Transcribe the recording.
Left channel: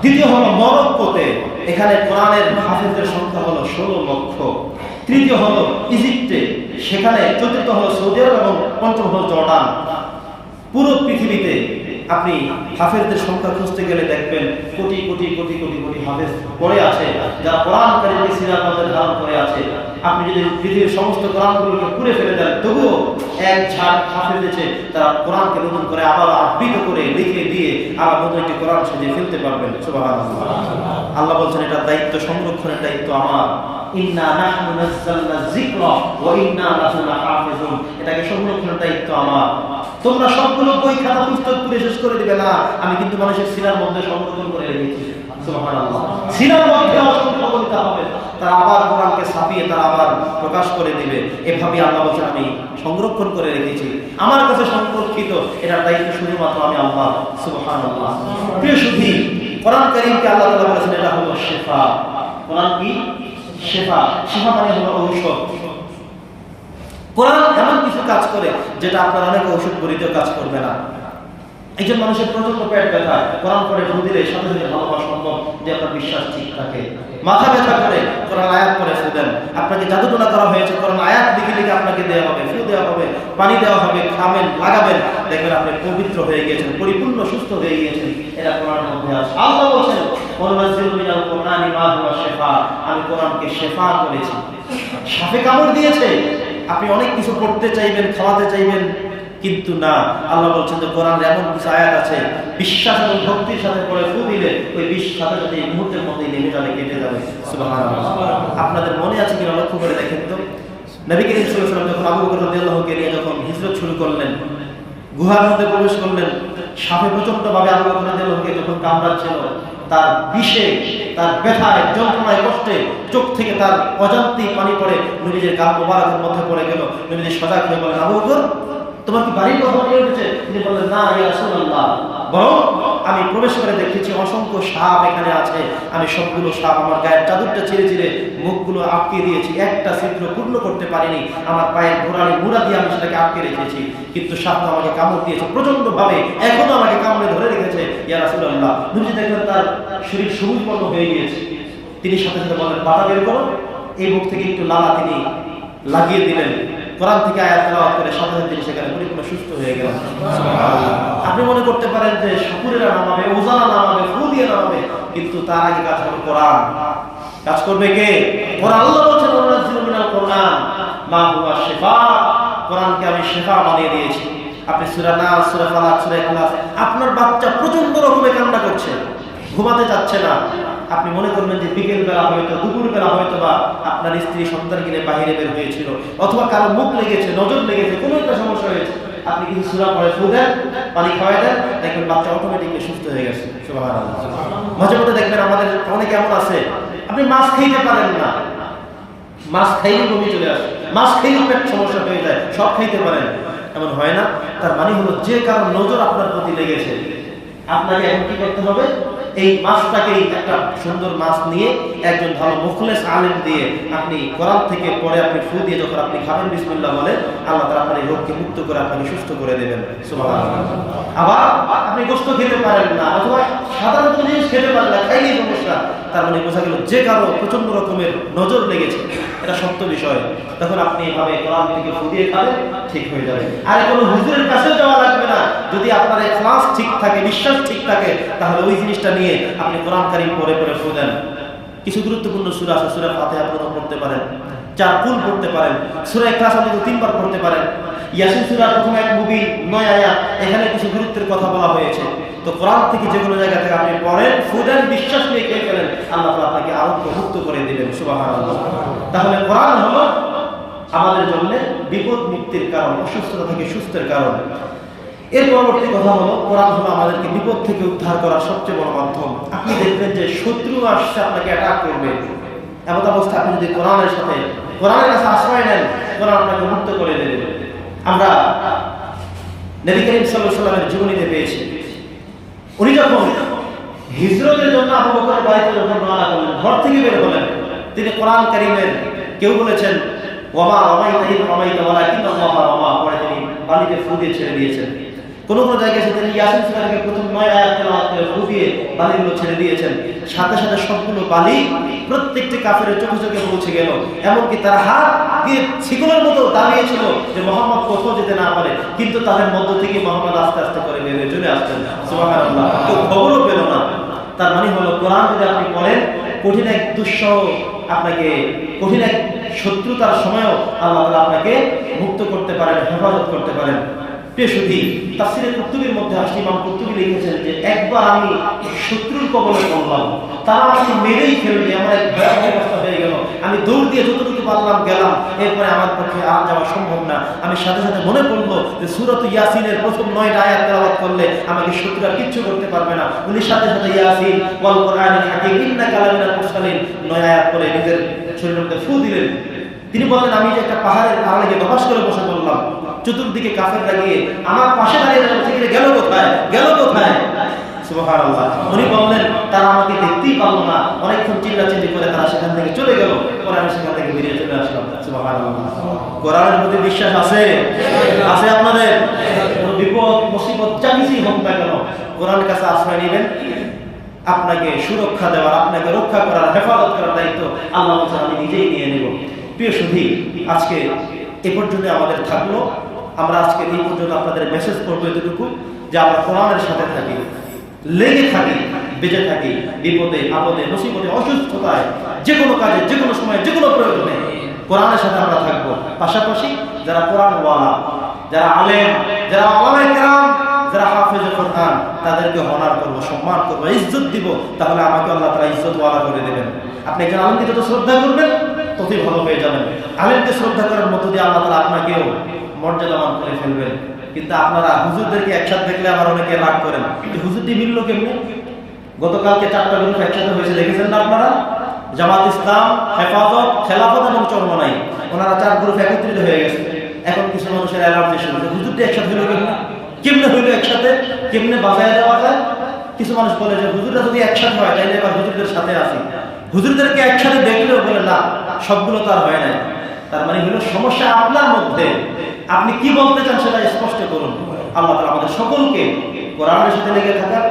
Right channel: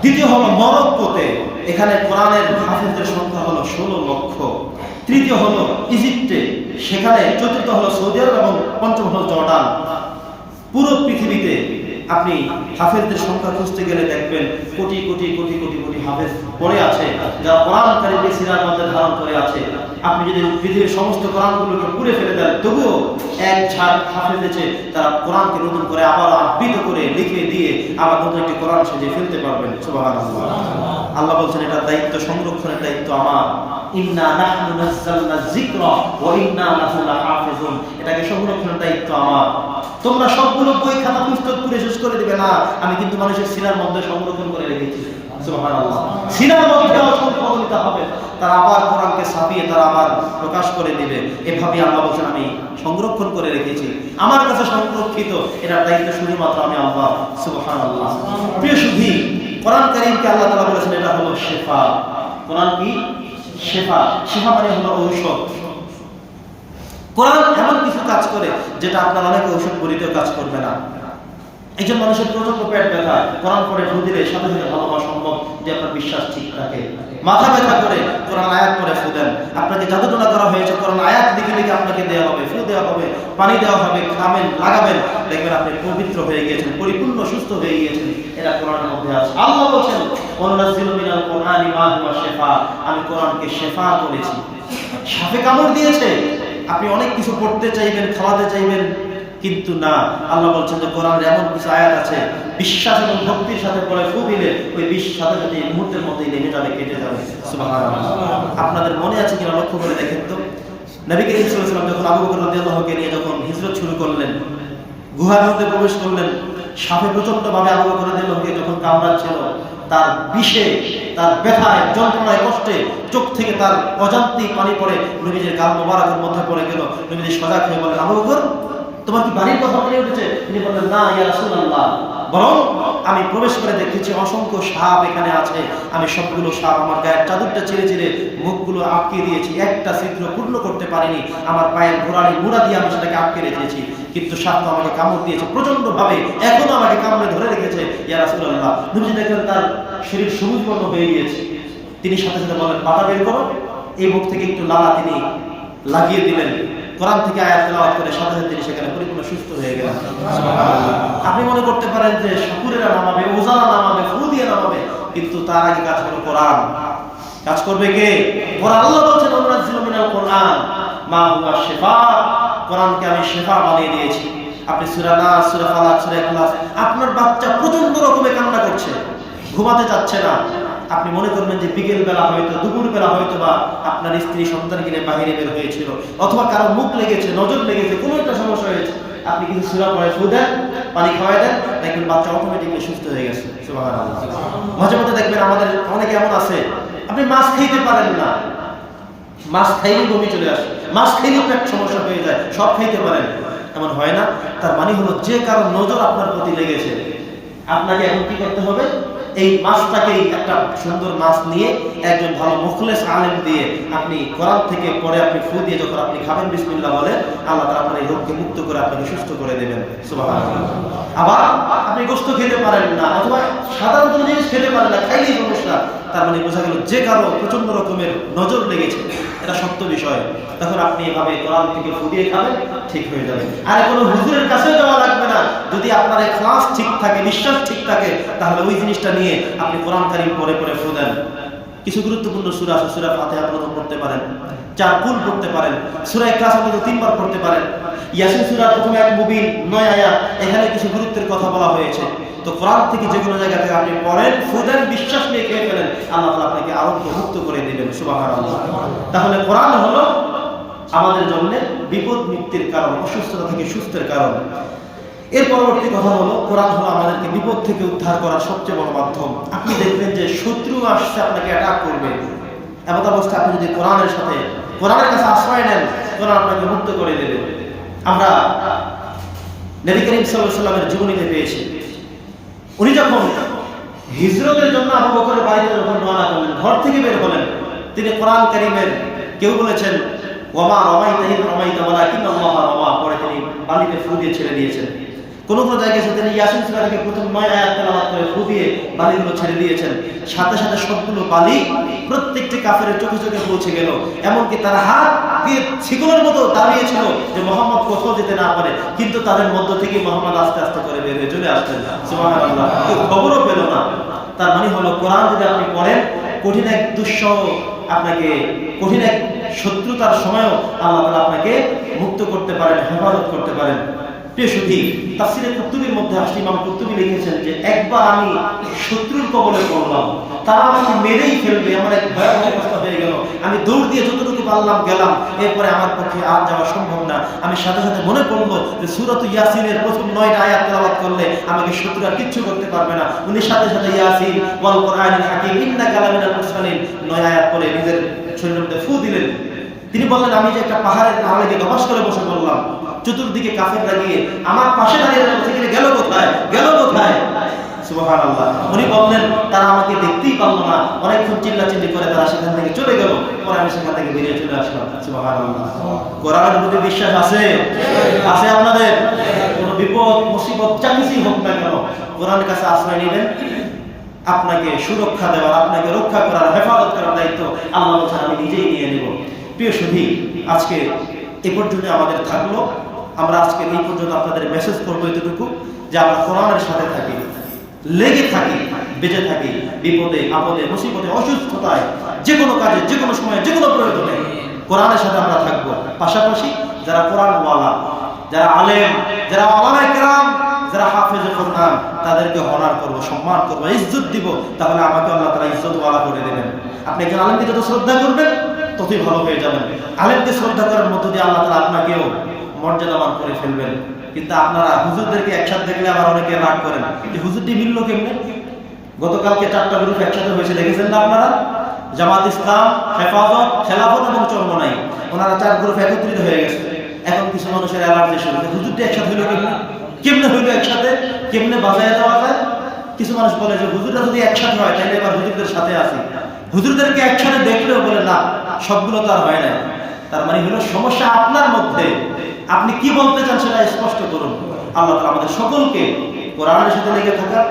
দ্বিতীয় হলো মরক্কোতে, এখানে কোরআনের হাফিজদের সংখ্যা হলো ষোলো লক্ষ। তৃতীয় হলো ইজিপ্টে, সেখানে চতুর্থ হলো সৌদি আরব এবং পঞ্চম হলো জর্ডান। পুরো পৃথিবীতে আপনি হাফেজদের সংখ্যা খুঁজতে গেলে দেখবেন কোটি কোটি কোটি কোটি কোটি হাফেজ পড়ে আছে, যারা কোরআন কারিমকে সিরার মধ্যে ধারণ করে আছে। আপনি যদি পৃথিবীর সমস্ত কোরআনগুলোকে পুড়ে ফেলে দেন, তবুও এক ঝাঁক হাফেজ এসে তারা কোরআনকে নতুন করে আবার আবৃত করে লিখে দিয়ে আবার নতুন একটি কোরআন সেজে ফেলতে পারবেন। সুবাহান আল্লাহ বলছেন, এটা দায়িত্ব, সংরক্ষণের দায়িত্ব আমার। এটাকে সংরক্ষণের দায়িত্ব আমার। তোমরা সবগুলো বই খাতা পুস্তক পুরে শেষ করে দিবে, না, আমি কিন্তু মানুষের সিনার মধ্যে সংরক্ষণ করে রেখেছি। সিনার মধ্যে অসংখ্য কবিতা হবে। তারা আবার কোরআনকে ছাপিয়ে তারা আবার প্রকাশ করে দিবে। এভাবে আল্লাহ বলছেন, আমি সংরক্ষণ করে রেখেছি। আমার কাছে সংরক্ষিত, এটার দায়িত্ব শুধুমাত্র আমি আল্লাহ, সুবহানাল্লাহ। প্রিয় সুধী, কোরআন কারীমকে আল্লাহ তাআলা বলেছেন, এটা হলো শেফা। কোরআন কি? শেফা। শেফা মানে হলো ঔষধ। কোরআন এমন কিছু কাজ করে যেটা আপনার অনেক ঔষধ বড়িতেও কাজ করবে না। একজন মানুষের প্রচণ্ড পেট ব্যথা, কোরআন পরে ফু দিলে সাথে সাথে ভালো হওয়া সম্ভব যে আপনার বিশ্বাস ঠিক থাকে। মাথা ব্যথা করে কোরআন আয়াত করে ফু দেন। আপনাকে জাদুটোনা করা হয়েছে, কোরআন আয়াত লিখে লিখে আপনাকে দেওয়া হবে, ফু দেওয়া হবে, পানি দেওয়া হবে, খাবেন, লাগাবেন। দেখবেন আপনি পবিত্র হয়ে গিয়েছেন, পরিপূর্ণ সুস্থ হয়ে গিয়েছেন। এটা কোরআনের মধ্যে আছে। আল্লাহ বলছেন আমি কোরআনকে শেফা করেছি। সাপে কামড় দিয়েছে। আপনি অনেক কিছু পড়তে চাইবেন, খাওয়াতে চাইবেন, কিন্তু না। আল্লাহ বলছেন যে, কোরআনের এমন কিছু আয়াত আছে, বিশ্বাস এবং ভক্তির সাথে পড়ে ফু দিলে ওই বিষ সাথে সাথে এই মুহূর্তের মধ্যেই নেমে যাবে, কেটে যাবে। আপনাদের মনে আছে কিনা লক্ষ্য করে দেখেন তো? নবী করিম ওয়াসাল্লাম যখন আবু বকর রাদিয়াল্লাহুকে নিয়ে যখন হিজরত শুরু করলেন, গুহার মধ্যে প্রবেশ করলেন, সাপে প্রচণ্ড ভাবে আবু বকর রাদিয়াল্লাহুকে যখন কামড়াচ্ছিল, তার বিষে তার ব্যথায়, যন্ত্রণায়, কষ্টে চোখ থেকে তার অজান্তেই পানি পড়ে নবীজের গাল মোবারকের মধ্যে পড়ে গেল। নবীজি সজাগ হয়ে বলেন আবু বকর, তোমার কি বাড়ির কথা মনে উঠেছে? তিনি বললেন, না, ইয়া রাসূলুল্লাহ। বরং আমি প্রবেশ করে দেখেছি অসংখ্য সাপ এখানে আছে। আমি সবগুলো সাপ আমার গায়ের চাদরটা চিরে চিরে মুখগুলো আটকে দিয়েছি। একটা ছিদ্র পূর্ণ করতে পারিনি। আমার পায়ের ঘোড়ালি মুড়া দিয়ে আমি সেটাকে আটকে রেখেছি। কিন্তু সাপ তো আমাকে কামড় দিয়েছে প্রচণ্ড ভাবে এখনও আমাকে কামড়ে ধরে রেখেছে। ইয়া রাসূলুল্লাহ নবীজি দেখলেন তার শরীর সবুজ বর্ণ হয়ে গিয়েছে। তিনি সাথে সাথে বলেন বাটা বের করো। এই মুখ থেকে একটু লালা তিনি লাগিয়ে দিলেন। কোরআন থেকে আয়াত তেলাওয়াত করে সাথে সাথে তিনি সেখানে পরিপূর্ণ সুস্থ হয়ে গেলেন। আপনি মনে করতে পারেন যে শুকুরেরা নামাবে ওজানা নামাবে ফু দিয়ে নামাবে কিন্তু তার আগে কাজ হলো কোরআন। কাজ করবে কে? কোরআন আল্লাহ বলছেন অনুরাজিল মিনাল কোরআন মা হুয়া শেফা। কোরআনকে আমি শেফা বানিয়ে দিয়েছি। আপনি সূরা নাস সূরা ফালাক সূরা ইখলাস আপনার বাচ্চা প্রচণ্ড রকমের কান্না করছে। ঘুমাতে যাচ্ছে না। আপনি মনে করবেন যে বিকেল বেলা হয়তো, দুপুর বেলা হয়তো বা আপনার স্ত্রী সন্তান কিনে বাহিরে বের হয়েছিল, অথবা কারও মুখ লেগেছে, নজর লেগেছে, কোনো একটা সমস্যা হয়েছে, আপনি কিছু সুরা পরে ফু দেন, পানি খাওয়াই দেন, দেখবেন বাচ্চা অটোমেটিকলি সুস্থ হয়ে গেছে। মাঝে মধ্যে দেখবেন আমাদের অনেকে এমন আছে, আপনি মাছ খাইতে পারেন না। মাছ খাইলেই বমি চলে আসে, মাছ খাইলেই পেট সমস্যা হয়ে যায়, সব খাইতে পারেন। এমন হয় না। তার মানে হলো যে কারও নজর আপনার প্রতি লেগেছে, আপনাকে এখন কি করতে হবে? এই মাছটাকেই একটা সুন্দর মাছ নিয়ে একজন ভালো মুখলেস আলেম দিয়ে আপনি কোরআন থেকে পরে আপনি ফু দিয়ে যখন আপনি খাবেন, বিসমিল্লাহ বলে আল্লাহ তালা আপনার এই রোগকে মুক্ত করে আপনাকে সুস্থ করে দেবেন। আবার আপনি গোস্ত খেতে পারেন না, অথবা সাধারণ কোনো জিনিস খেতে পারেন না, খাইলেই সমস্যা। তার মানে বোঝা গেল যে কারও প্রচণ্ড রকমের নজর লেগেছে, এটা সত্য বিষয়। তখন আপনি এভাবে কোরআন থেকে ফু দিয়ে খাবেন ঠিক হয়ে যাবে। আর কোনো হুজুরের কাছেও যাওয়া লাগবে না। যদি আপনার ক্লাস ঠিক থাকে, বিশ্বাস ঠিক থাকে, তাহলে ওই জিনিসটা নিয়ে আপনি কোরআন কারিম পরে পরে ফু দেন। কিছু গুরুত্বপূর্ণ সুরা আছে, সুরা ফাতিহা প্রথম পড়তে পারেন। চার কুল পড়তে পারেন। সুরা ক্লাস অন্তত তিনবার পড়তে পারেন। ইয়াসিন সুরা প্রথমে এক মুবিন, নয় আয়াত। এখানে কিছু গুরুত্বের কথা বলা হয়েছে। তো কোরআন থেকে যে কোনো জায়গা থেকে আপনি পড়েন ফুদেন বিশ্বাস নিয়ে খেয়ে ফেলেন, আল্লাহ তালা আপনাকে আরোগ্য মুক্ত করে দিবেন সুবাহান তাহলে কোরআন হলো আমাদের জন্য বিপদ মুক্তির কারণ, অসুস্থতা থেকে সুস্থের কারণ। এর পরবর্তী কথা হলো, কোরআন হলো আমাদেরকে বিপদ থেকে উদ্ধার করার সবচেয়ে বড় মাধ্যম। আপনি দেখবেন যে শত্রু আসছে, আপনাকে অ্যাটাক করবে। এমন অবস্থা আপনি যদি কোরআনের সাথে, কোরআনের কাছে আশ্রয় নেন, কোরআন আপনাকে মুক্ত করে দেবে। আমরা নবী করিম সাল্লামের জীবনীতে পেয়েছি। উনি যখন হিজরতের জন্য আবু বকরের বাড়িতে যখন রওনা করলেন, ঘর থেকে বের হলেন, তিনি কোরআন করিমের কেউ বলেছেন ওমা রমাই তাহিদ রমাই তাওয়ালা কিন্তু আল্লাহ রমা। পরে তিনি বালিতে ফু দিয়ে ছেড়ে দিয়েছেন। কোন কোন জায়গায় এসে তিনি ইয়াসিন সুরাকে প্রথম নয় আয়াত তেলাওয়াত করে ফু দিয়ে বালিগুলো ছেড়ে দিয়েছেন। সাথে সাথে সবগুলো বালি প্রত্যেকটি কাফের চোখে চোখে পৌঁছে গেল। এমনকি তারা হাত দিয়ে ছিগুলের মতো দাঁড়িয়েছিল যে মোহাম্মদ কোথাও যেতে না পারে। কিন্তু তাদের মধ্য থেকে মোহাম্মদ আস্তে আস্তে করে বের হয়ে চলে আসতেন। সুবহানাল্লাহ। কেউ খবরও পেল না। তার মানে হলো কোরআন যদি আপনি পড়েন, কঠিন এক দুঃসহ আপনাকে কঠিন এক শত্রুতার সময়ও আল্লাহ তালা আপনাকে মুক্ত করতে পারেন হেফাজত করতে পারেন। সুধী তাফসিরে কুতুবির মধ্যে আসলে ইমাম কুতুবি লিখেছেন যে, একবার আমি শত্রুর কবলে পড়লাম, তারা আমাকে মেরেই ফেলবে, এমন এক ভয়াবহ অবস্থা হয়ে গেল। আমি দৌড় দিয়ে যতটুকু পারলাম গেলাম, এরপরে আমার পক্ষে আর যাওয়া সম্ভব না। আমি সাথে সাথে মনে পড়ল যে, সুরত ইয়াসিনের প্রথম নয়টা আয়াত তেলাওয়াত করলে আমাকে শত্রু আর কিচ্ছু করতে পারবে না। উনি সাথে সাথে, ইয়াসিন, ওয়াল কোরআনিল হাকিম ইন্না মুরসালিন। নয় আয়াত পরে নিজের শরীরের মধ্যে ফু দিলেন। তিনি বললেন, আমি যে একটা পাহাড়ের আড়ালে গিয়ে দপাস করে বসে পড়লাম চতুর্দিকে কাফের লাগিয়ে আমার পাশে দাঁড়িয়ে গেলে কোথায়? গেল কোথায়? উনি বললেন, তারা আমাকে দেখতেই পারল না। অনেকক্ষণ করে তারা সেখান থেকে চলে গেল। পরে আমি সেখান থেকে বেরিয়ে চলে আসলাম। কোরআনের প্রতি বিশ্বাস আছে? আছে আপনাদের? কোনো বিপদ, মুসিবত, যা হোক না কেন, কোরআনের কাছে আশ্রয় নেবেন। আপনাকে সুরক্ষা দেওয়ার, আপনাকে রক্ষা করার, হেফাজত করার দায়িত্ব আল্লাহ আমি নিজেই নিয়ে প্রিয় সুধী, আজকে এ পর্যন্ত আমাদের থাকল। আমরা আজকে এই পর্যন্ত আপনাদের মেসেজ করব এতটুকু যে আমরা কোরআনের সাথে থাকি, লেগে থাকি, বেঁচে থাকি, বিপদে, আপদে, মুসিবতে, অসুস্থতায়, যে কোনো কাজে, যে কোনো সময়ে, যে কোনো প্রয়োজনে কোরআনের সাথে আমরা থাকব। পাশাপাশি যারা কোরআনওয়ালা, যারা আলেম, যারা আলামায়ে কেরাম, যারা হাফেজ কোরআন, তাদেরকে হনার করব, সম্মান করব, ইজ্জত দিব, তাহলে আমাকে আল্লাহ তাআলা ইজ্জত ওয়ালা করে দেবেন। আপনি একজন আলেমকে যত শ্রদ্ধা করবেন ততই ভালো হয়ে যাবেন। আলেমকে শ্রদ্ধা করার মধ্য দিয়ে আল্লাহ তাআলা আপনাকেও মর্যাদামান করে ফেলবেন। কিন্তু আপনারা হুজুরদেরকে একসাথে দেখলে আবার অনেকে রাগ করেন। হুজুরটি মিলল কেমনে? গতকালকে চারটা গ্রুপ একসাথে হয়েছে, দেখেছেন না আপনারা? জামাত ইসলাম, হেফাজত, খেলাফত এবং চরমনাই। ওনারা চার গ্রুপ একত্রিত হয়ে গেছে। এখন কিছু মানুষের অ্যালার্জি শুরু। হুজুরটি একসাথে হইল কেমনে? কেমনে হইল একসাথে? কেমনে বাজায় দেওয়া যায়? কিছু মানুষ বলে যে, হুজুররা যদি একসাথে হয় তাহলে এবার হুজুরদের সাথে আসি হুজুরদেরকে একসাথে দেখলেও বলে, না, সবগুলো তো আর হয় নাই। তার মানে হলো, সমস্যা আপনার মধ্যে। আপনি কি বলতে চান সেটা স্পষ্ট করুন। আল্লাহ তালা আমাদের সকলকে কোরআনের সাথে লেগে থাকার